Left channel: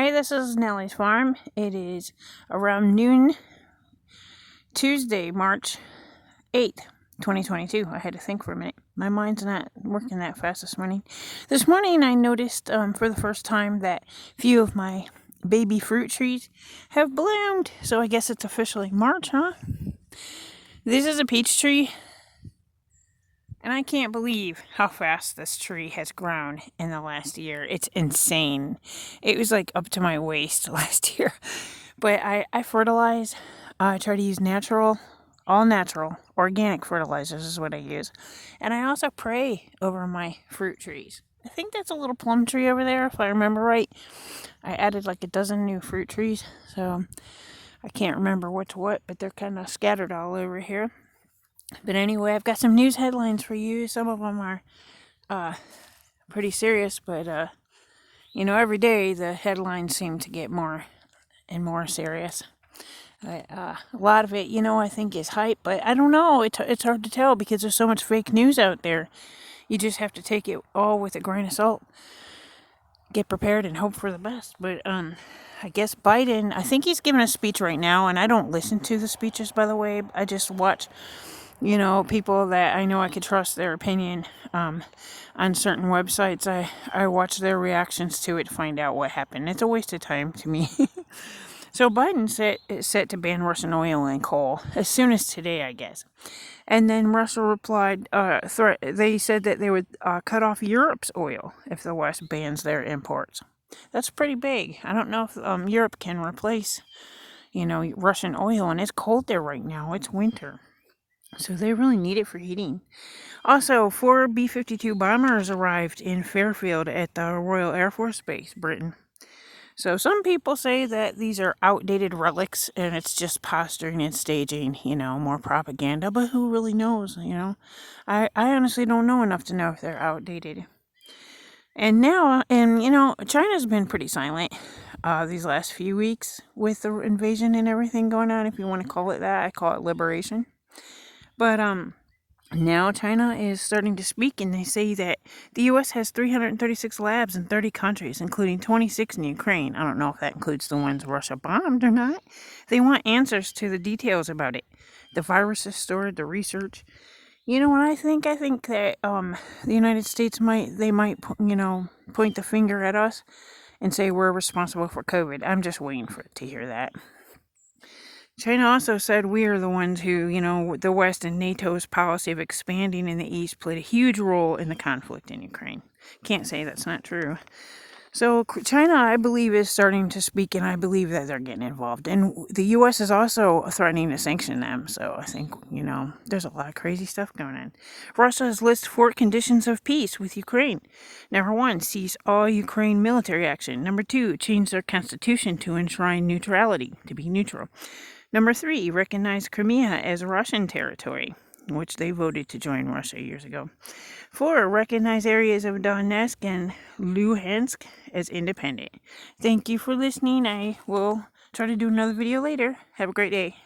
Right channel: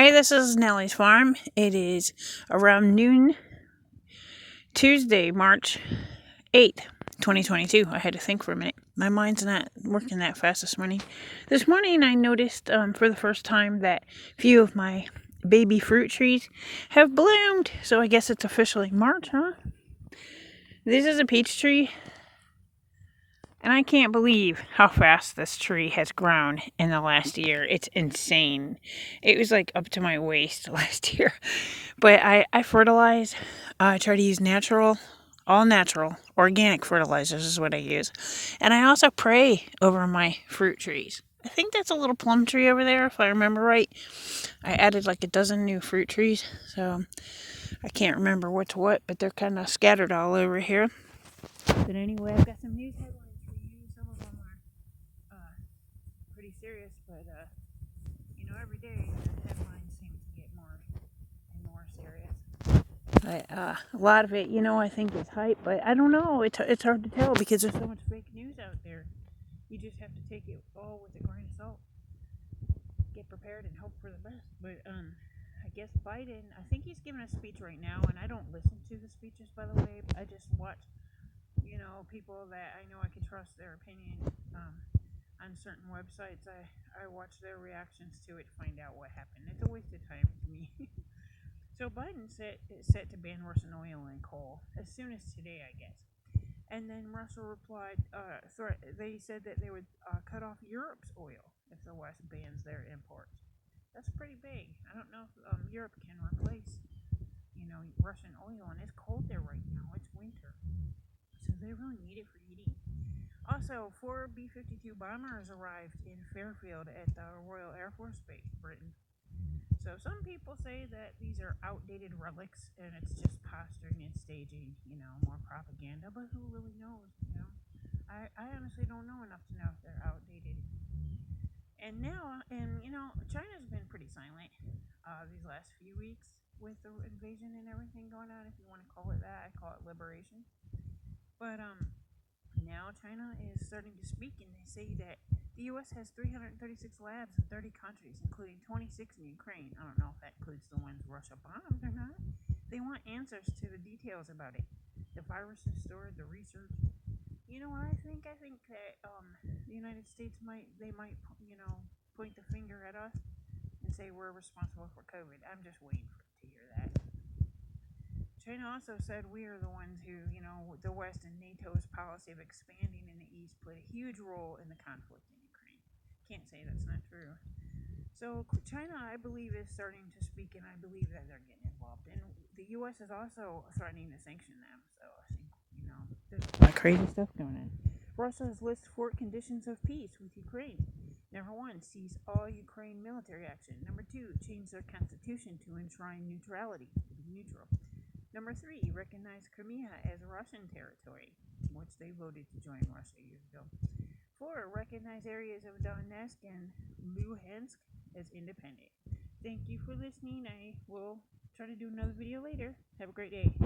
Hi, this is Nellie's farm. It is around noon, Tuesday, March 8th, 2022. I had to think for a minute. My mind's not working that fast this morning. This morning I noticed for the first time that a few of my baby fruit trees have bloomed. So I guess it's officially March, huh? This is a peach tree. And I can't believe how fast this tree has grown in the last year. It's insane. It was like up to my waist last year. But I fertilize. I try to use all natural, organic fertilizers is what I use. And I also pray over my fruit trees. I think that's a little plum tree over there, if I remember right. I added like a dozen new fruit trees. So I can't remember what's what, but they're kind of scattered all over here. But anyway, I've got some news headlines for you. Some of them are pretty serious, but every day the headlines seem to get more and more serious. A lot of it, I think is hype, but I don't know. It's hard to tell because there's so much fake news out there. You just have to take it all with a grain of salt. Get prepared and hope for the best. But I guess Biden, I think he's giving a speech right now, and I don't listen to the speeches, by the way. I just watch people that I know I could trust their opinion on certain websites. I watch their reactions to it to find out what happened. It's a waste of time to me. So Biden is set to ban Russian oil and coal as soon as today, I guess. And then Russia replied, they said that they would cut off Europe's oil if the West bans their imports. That's pretty big. I don't know if Europe can replace, Russian oil, and it's cold there right now. It's winter. So they really need it for heating. Also, 4 B-52 bombers arrived in Fairfield at the Royal Air Force Base, Britain. So some people say that these are outdated relics and it's just posturing and staging, more propaganda. But who really knows, I honestly don't know enough to know if they're outdated. And now, China's been pretty silent these last few weeks with the invasion and everything going on, if you want to call it that. I call it liberation. But now China is starting to speak, and they say that the U.S. has 336 labs in 30 countries, including 26 in Ukraine. I don't know if that includes the ones Russia bombed or not. They want answers to the details about it. The virus is stored, the research. You know what I think? I think that the United States might point the finger at us and say we're responsible for COVID. I'm just waiting to hear that. China also said we are the ones who, the West and NATO's policy of expanding in the East played a huge role in the conflict in Ukraine. Can't say that's not true. So China, I believe, is starting to speak, and I believe that they're getting involved. And the U.S. is also threatening to sanction them. So I think, there's a lot of crazy stuff going on. Russia has listed 4 conditions of peace with Ukraine. Number 1, cease all Ukraine military action. Number 2, change their constitution to enshrine neutrality, to be neutral. Number 3, recognize Crimea as Russian territory, which they voted to join Russia years ago. 4, recognize areas of Donetsk and Luhansk as independent. Thank you for listening. I will try to do another video later. Have a great day.